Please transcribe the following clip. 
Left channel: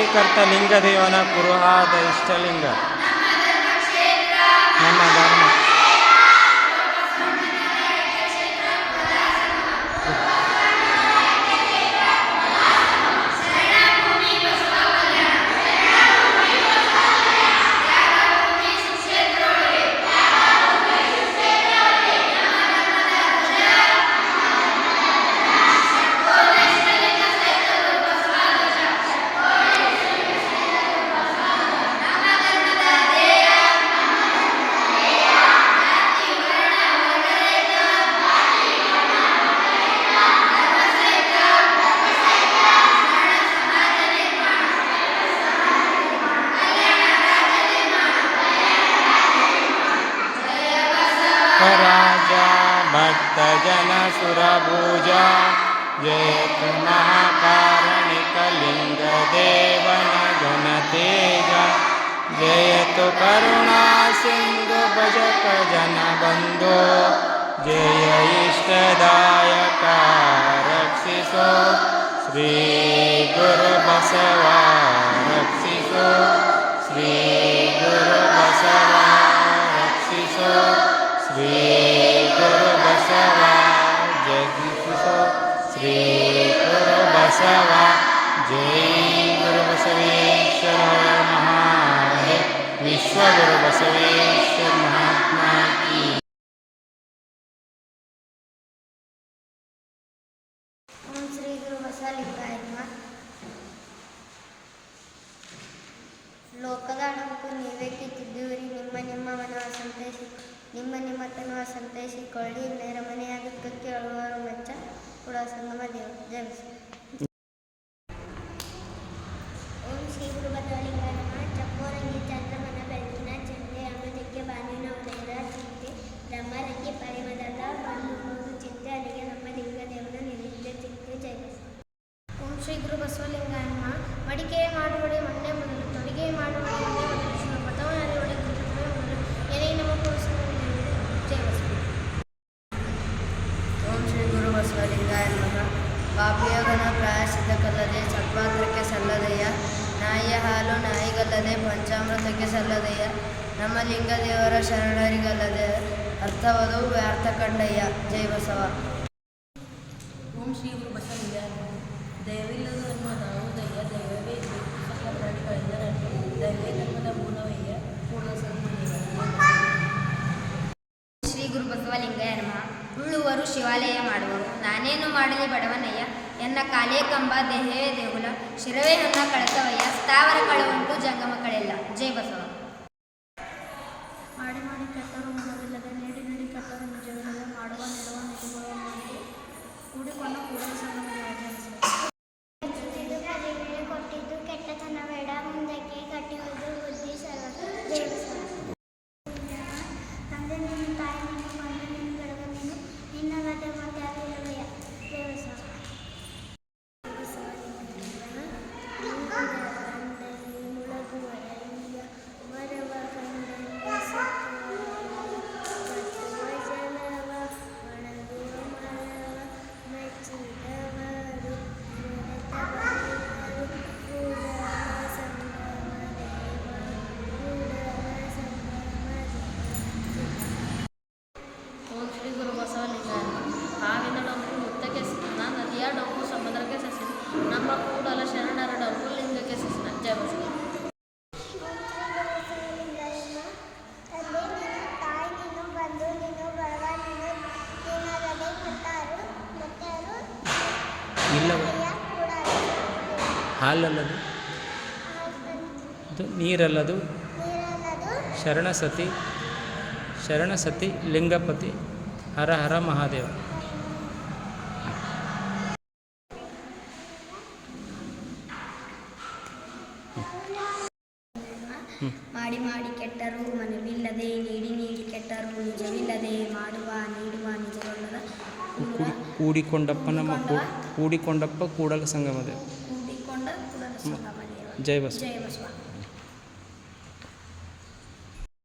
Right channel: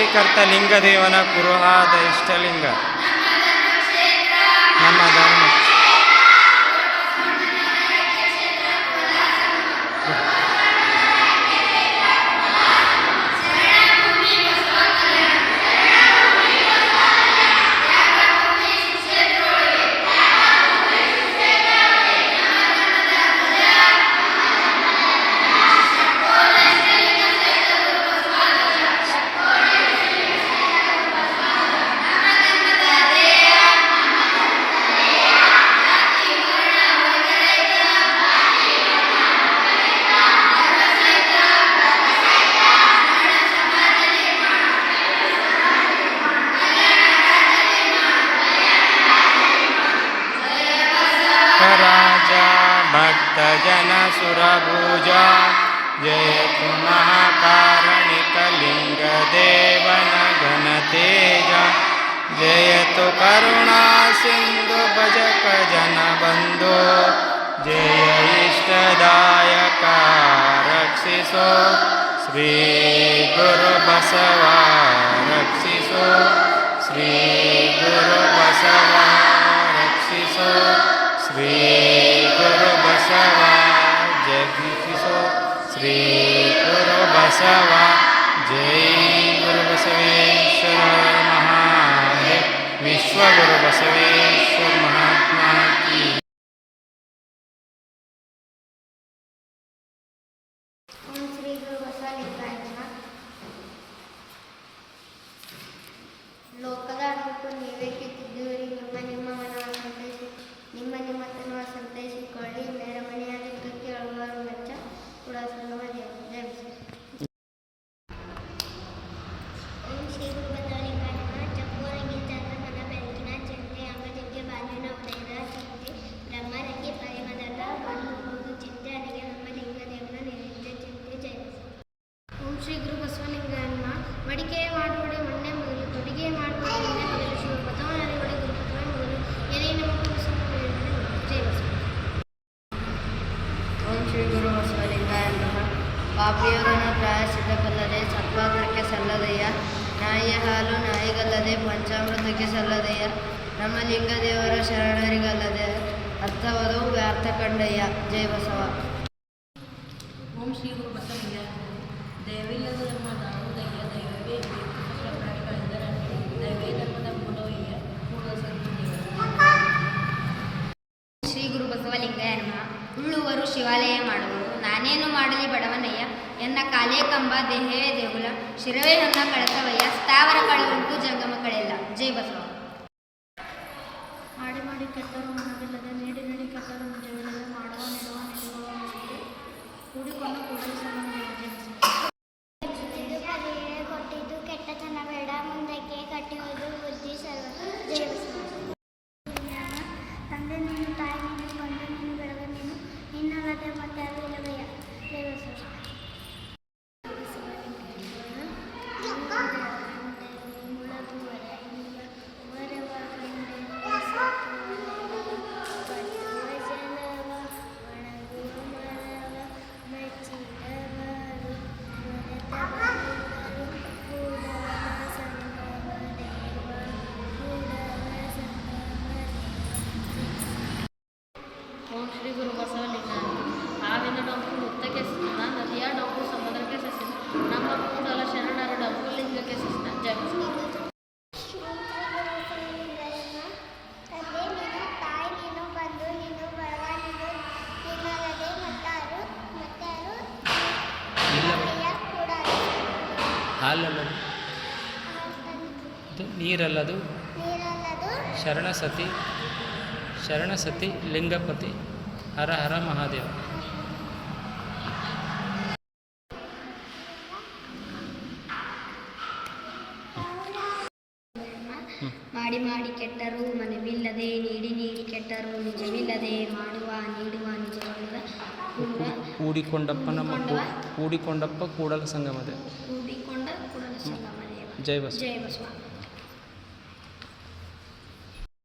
ಸೃಷ್ಟಿಕರ್ತ ಲಿಂಗದೇವನ ಕುರುಹಾದ ಇಷ್ಟಲಿಂಗ. ನಮ್ಮ ಧರ್ಮ. भक्तजनसुरभुजा। जय तु महाकारणिकलिङ्गदेवनघनतेज जय तु करुणासिन्धुभजकजनबन्धो। जय इष्टदायक रक्षिसो श्रीगुरुबसवा रक्षिसो श्रीगुरुबसवा रक्षिसो श्री ಶ್ರೀ ಗುರು ಬಸವ, ಜೈ ಗುರು ಬಸವೇಶ್ವರ ಮಹಾದೇವ್ ವಿಶ್ವ ಗುರು ಬಸವೇಶ್ವರ ಮಹಾತ್ಮ ಕಿ ಶ್ರೀ ಗುರು ಬಸವಲಿಂಗಾಯ ನಮಃ. ಲೋಕದ ಅಣುಕು ನೀವೇ ಕಿತ್ತಿದ್ದೀರಿ ನಿಮ್ಮ ನಿಮ್ಮ ಮನವ ಸಂತೈಸಿ ನಿಮ್ಮ ನಿಮ್ಮ ತನವ ಸಂತೈಸಿಕೊಳ್ಳಿ. ನೆರಮನೆಯಾದಕ್ಕೆ ಅಳುವರು corazón no me dio ನಾಯಿಗಲ್ಲದೆ ಪಂಚಾಮೃತಕ್ಕೆ ಸಲ್ಲದೆಯ? ನಮ್ಮ ಲಿಂಗದೇವರ ಶರಣರಿಗಲ್ಲದೆ ಅರ್ಥವದು ವ್ಯರ್ಥ ಕಂಡಯ್ಯ ಜೈ ಬಸವ. ಓಂ ಶ್ರೀ ಗುರು ಬಸವಯ್ಯ. ದಯವಿಲ್ಲದ ಧರ್ಮ ದಾವುದಯ್ಯ ದೈವವೇ ಸಕಲ ದೈವೇ ಧರ್ಮದ ಮೂಲವಯ್ಯ ಪೂರ್ಣ ಶ್ರೀ ಗುರು ಬಸವ ನಮಃ. ಉಳ್ಳುವರು ಶಿವಾಲಯ ಮಾಡುವರು. ನಾನೇನು ಮಾಡಲಿ ಬಡವನಯ್ಯ? ಎನ್ನ ಕಾಲೇ ಕಂಬ ದೇಹೇ ದೇಗುಲ. ಶಿರವೇ ನನ್ನ ಕಳಕವಯ್ಯ. ಸ್ಥಾವರ ಕಳವಂಟು ಜಂಗಮ ಕಳೆಯಲ್ಲ ಜೈ ಬಸವ ಕೆಟ್ಟರು ಮನವಿಲ್ಲದೆ ನೀಡಿ ನೀಡಿ ಕೆಟ್ಟರು ನಿಜವಿಲ್ಲದೆ ಮಾಡುವ ನೆಡುವ ನಿಜಗುವ ಮುಗಿಗೆ ಕೂಡಿಕೊಂಡು ಕೂಡಲು ದೇವ ಬಸವ ಕೊಟ್ಟಿದ್ದು ಕೆಟ್ಟ ಕೆಟ್ಟತನ ಬೇಡ ಮುಂದಕ್ಕೆ ಕಟ್ಟಿಹುದು ಬುದ್ಧಿ ಸರ್ವ ಬಸವ. ತಂದೆ ನೀನು ತಾಯಿ ನೀನು ಬಂದು ನೀನು ಬೆಳಗ ನೀನು ನಿನ್ನಲ್ಲದೆ ಮತ್ತೆ ಹಾಲಲ್ಲದು? ನೀರಲ್ಲದು? ಶರಣಸತಿ? ಶರಣ ಸತಿ ಶರಣ ಸತಿ ಲಿಂಗಪತಿ? ಹರ ಹರ ಮಹಾದೇವ. ಮಾಡಿ ಮಾಡಿ ಕೆಟ್ಟರು ಮನವಿಲ್ಲದೆ ನೀಡಿ ನೀಡಿ ಕೆಟ್ಟರು ನಿಜವಿಲ್ಲದೆ ಮಾಡುವ ನೀಡುವ ನಿಜವಲ್ಲದ ಕೂಡಿಕೊಂಡಪ್ಪನ ಮತ್ತು ಕೂಡಿಕೊಂಡಪ್ಪ ಕೂಡಲ ಸಂಗಮದೇವ. ಕೂಡಿಕೊಂಡ ಕೂಡಲ ಸಂಗಮ ದೇವ